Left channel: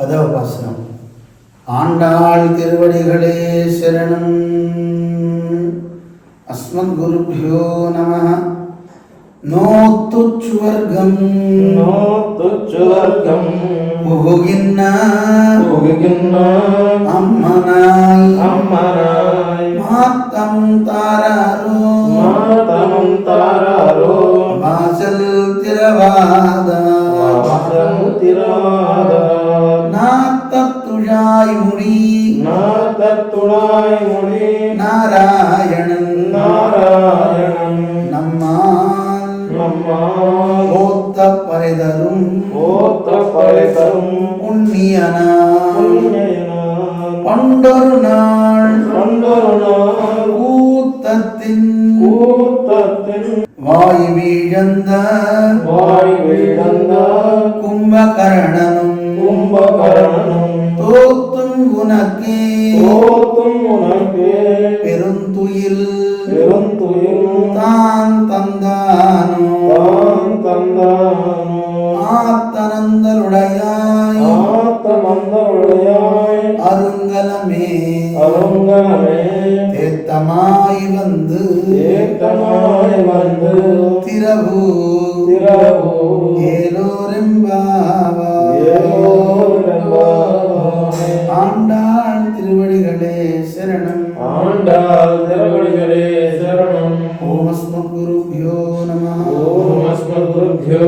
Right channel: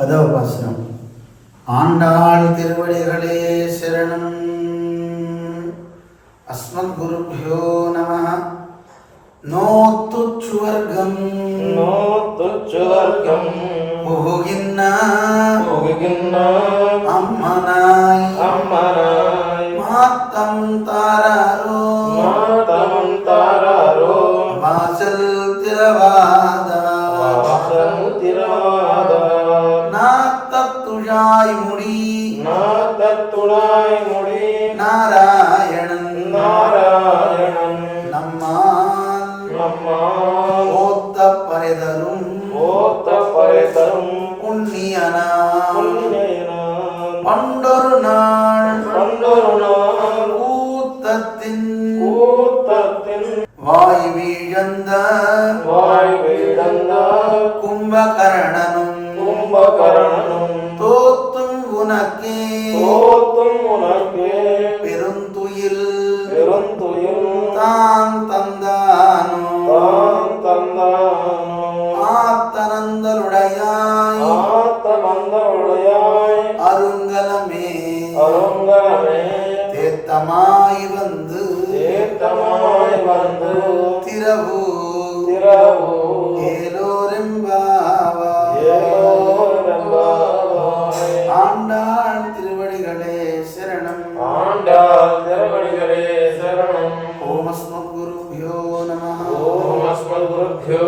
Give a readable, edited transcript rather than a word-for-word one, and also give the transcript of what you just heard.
பதவபாசனம். ஆண்டாள் திருவடிகளே சரணம். அஸ்மத் குருப்யோ நமः. நோத்துச்சுவர்க்கம் புகுகின்ன அம்மனாய் மாத்தம் தாராரோ வாசல் திரவாதா நாத்தத்துழாய் முடி நாராயணன் நம்மால் ஓத்த பரைதரும் புண்ணியனாம் பண்டொரு நாள் கூத்தத்தின் வாய் வீழந்த கும்பகரணனும் தோத்தும் உனக்கே பெருந்துயில் தான் தந்தானோ ஆத்தனந்தலுடையாய் அருங்கலமே தேத்தமாய் வந்து திரவு ஏலோரெம்பாவாய். ஆண்டாள் திருவடிகளே சரணம். ஆண்டாள் திருவடிகளே சரணம். ஓம் அஸ்மத் குருப்யோ நமः. ஓம் அஸ்மத் குருப்யோ